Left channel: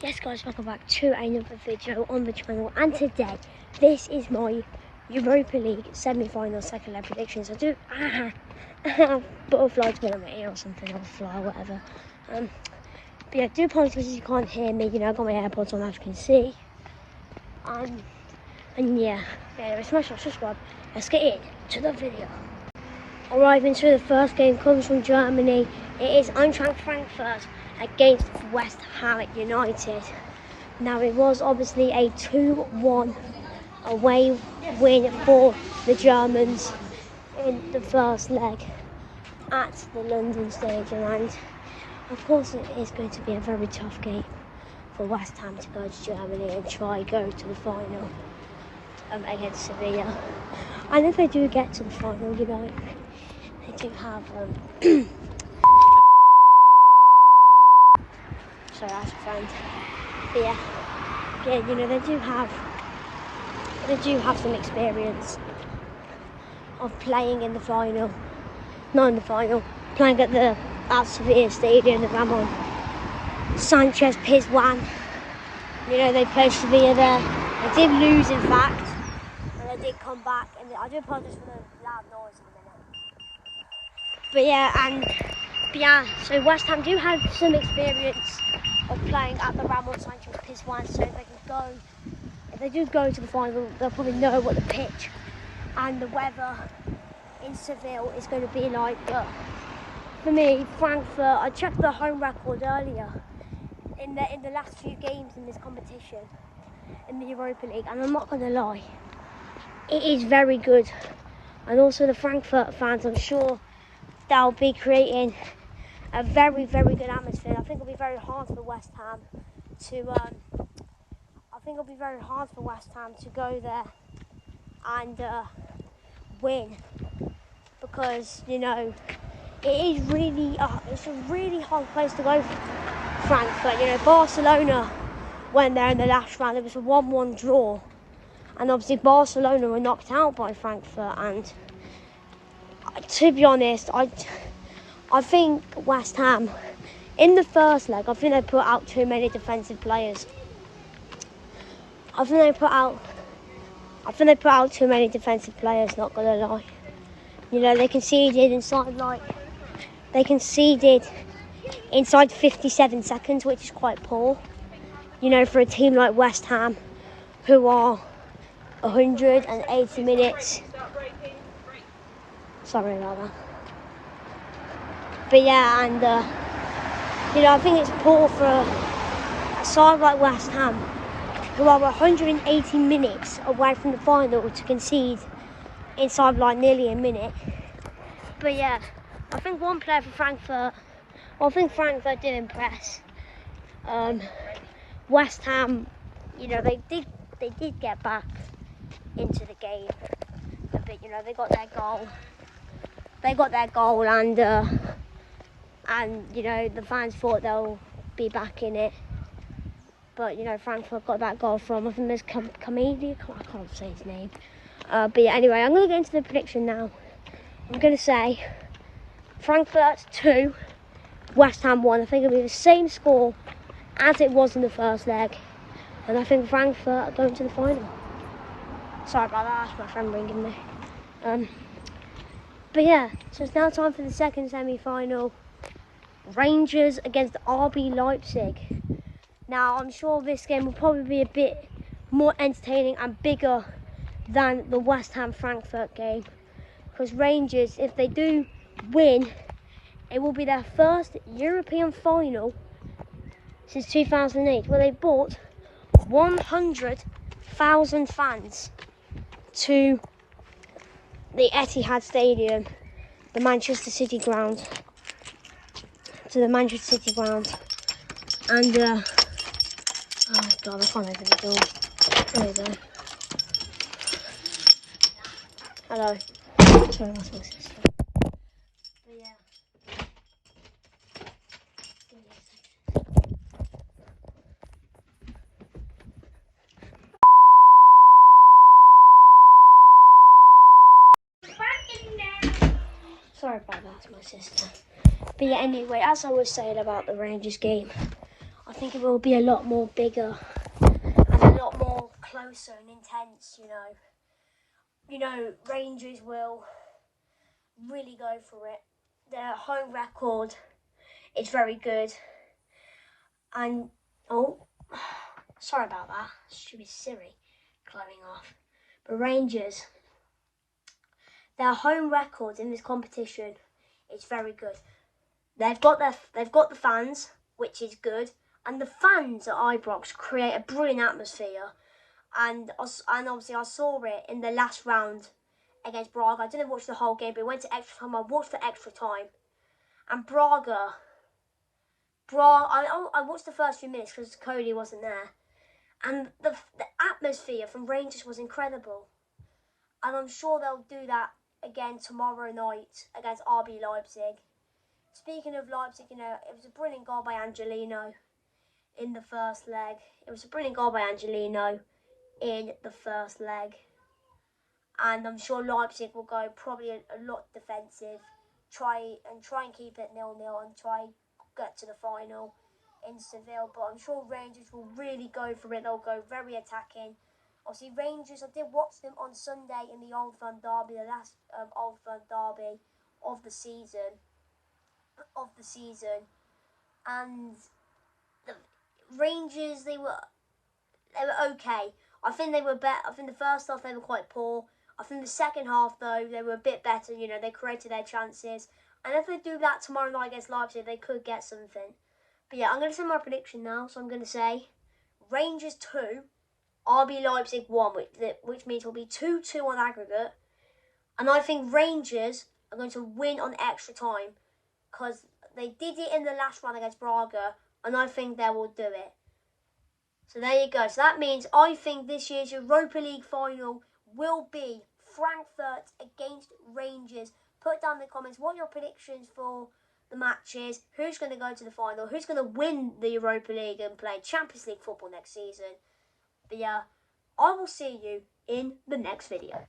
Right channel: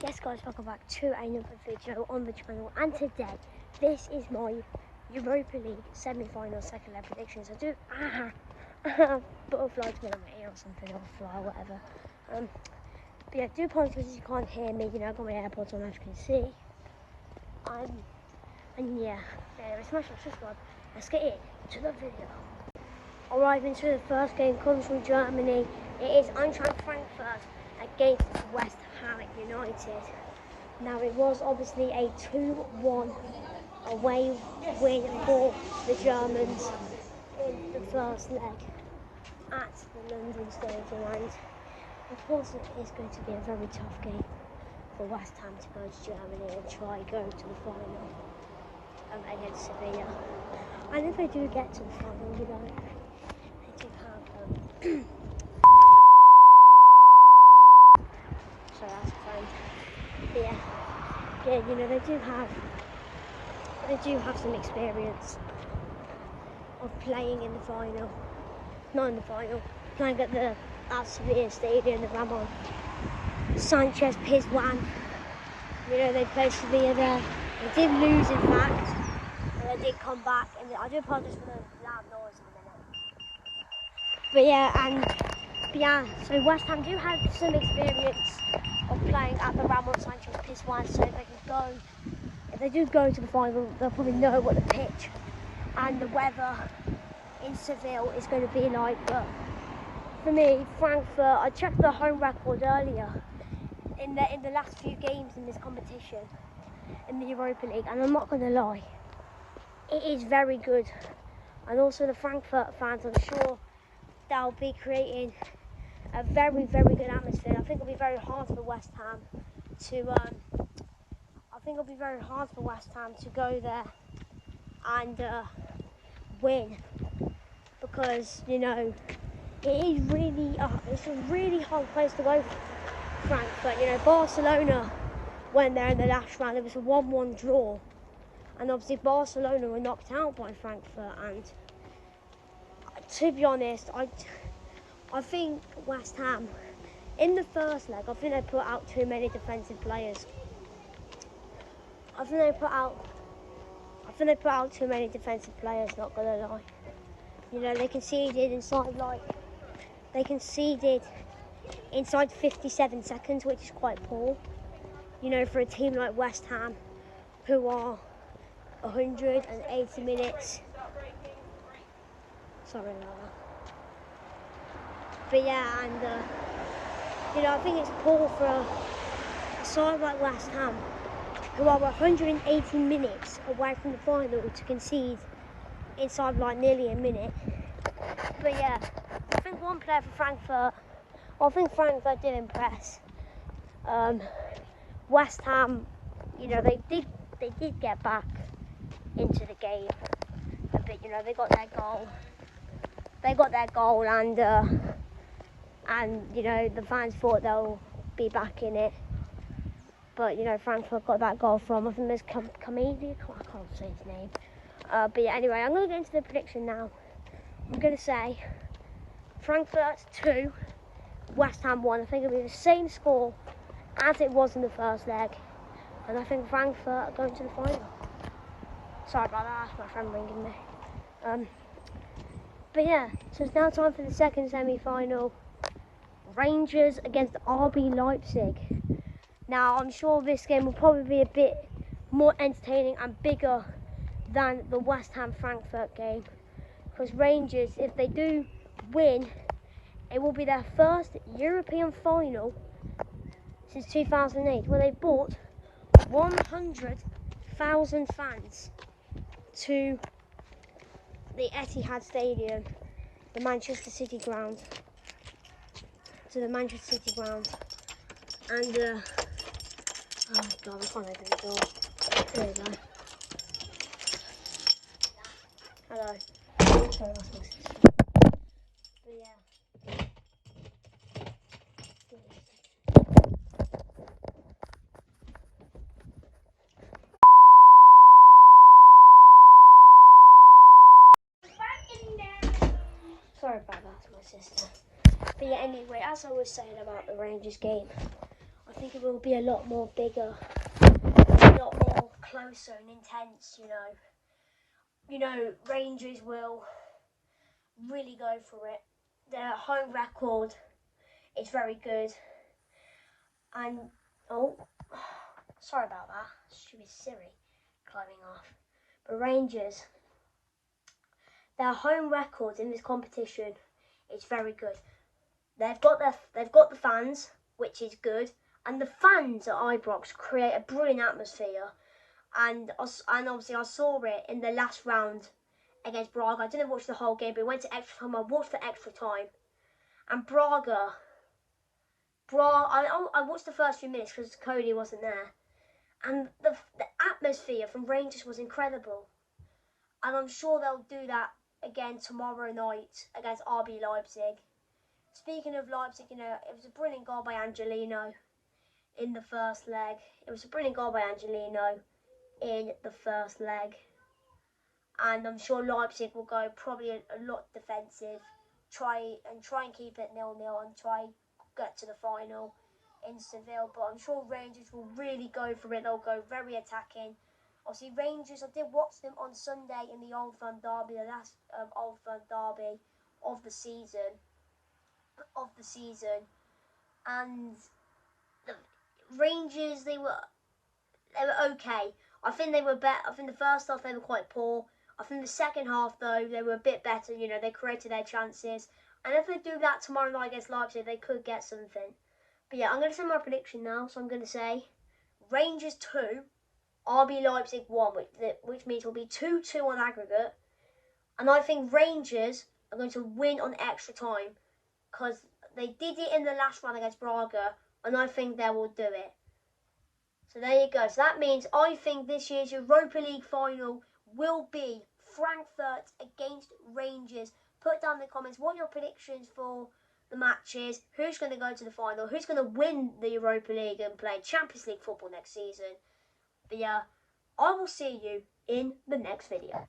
Yes guys, welcome back to another video on the channel, and today this is my Europa League semi-final second leg predictions. I do butterflies been on my ear or something, or fly or whatever. But yeah, I do apologise if you can't hear me, you know, I got my AirPods on as you can see. And yeah, smash that subscribe. Let's get into the video. Arriving to the first game comes from Germany. It is Eintracht Frankfurt against West Ham United. Now it was obviously a 2-1 away win for the Germans in the first leg at the London Stadium, and of course it is going to be a very tough game for West Ham to go to Germany and try go to the final against Sevilla. And if they do get to the final, you know, they do have sorry, that's a friend. But yeah, you know, they do have some experience of playing in the final. Not in the final, playing at Sevilla Stadium, the Ramon Sanchez Pizjuan. You know, they played Sevilla there. They did lose, in fact, and they did come back. And I do apologise for the loud noise in a minute. But yeah, so West Ham do have some experience of playing at the Ramon Sanchez Pizjuan, so if they do go to the final, they'll probably know what the pitch and the weather in Seville is going to be like. But for me, Frankfurt, I checked the home record earlier in the last few games in this competition in the Europa League, and I'm not going to lie, it is very good. And also the Frankfurt fans, I'm sure they'll be creating a very, very good atmosphere. I think it'll be very hard for West Ham to go there and win, because you know it is really it's a really hard place to go for Frankfurt. You know, Barcelona went there in the last round. It was a 1-1 draw, and obviously Barcelona were knocked out by Frankfurt. And to be honest, I think West Ham, in the first leg, I think they put out too many defensive players. I think they put out too many defensive players, not gonna lie. You know, they conceded inside 57 seconds, which is quite poor. You know, for a team like West Ham, who are 180 minutes. Sorry about that. But yeah, and you know, I think it's poor for a side like West Ham, who are 180 minutes away from the final, to concede inside like nearly a minute. But yeah, I think one player for Frankfurt, I think Frankfurt did impress. West Ham, you know, they did get back into the game a bit. You know, they got their goal, and you know, the fans thought they'll be back in it. But you know, Frankfurt got that goal from, I think there's Kamedi, I can't say his name. But yeah, anyway, I'm going to get into the prediction now. I'm going to say Frankfurt 2, West Ham 1. I think it'll be the same score as it was in the first leg. And I think Frankfurt are going to the final. Sorry about that, that's my friend ringing me. But yeah, so it's now time for the second semi-final. Rangers against RB Leipzig. Now, I'm sure this game will probably be a bit more entertaining and bigger than the West Ham Frankfurt game, because Rangers, if they do win, it will be their first European final since 2008, where they brought 100,000 fans to the Etihad Stadium, the Manchester City ground, and oh god, I can't open the door. There we go. Hello. Sorry, that's my sister. But yeah. Give me a second. Sorry about that, that's my sister. But yeah, anyway, as I was saying about the Rangers game, I think it will be a lot more bigger and a lot more closer and intense, You know, Rangers will really go for it. Their home record is very good. And, oh, sorry about that. Stupid Siri climbing off. But Rangers, their home record in this competition is very good. They've got the fans, which is good, and the fans at Ibrox create a brilliant atmosphere. And obviously I saw it in the last round against Braga. I didn't watch the whole game, but it went to extra time. I watched the extra time, and I watched the first few minutes because Cody wasn't there, and the atmosphere from Rangers was incredible. And I'm sure they'll do that again tomorrow night against RB Leipzig. Speaking of Leipzig, it was a brilliant goal by Angelino in the first leg. And I'm sure Leipzig will go probably a lot defensive, try and keep it 0-0 and try get to the final in Seville. But I'm sure Rangers will really go for it. They'll go very attacking. Obviously, Rangers, I did watch them on Sunday in the Old Firm Derby, the last Old Firm Derby of the season. And the Rangers, they were okay. I think they were better. I think the first half they were quite poor. I think the second half, though, they were a bit better. They created their chances. And if they do that tomorrow night against Leipzig, they could get something. But yeah, I'm going to say my prediction now. So I'm going to say Rangers 2, RB Leipzig 1, which means it will be 2-2 on aggregate. And I think Rangers are going to win on extra time because they did it in the last round against Braga, and I think they will do it. So there you go. So that means I think this year's Europa League final will be Frankfurt against Rangers. Put down in the comments what your predictions for the matches, who's going to go to the final, who's going to win the Europa League and play Champions League football next season. But yeah, I will see you in the next video.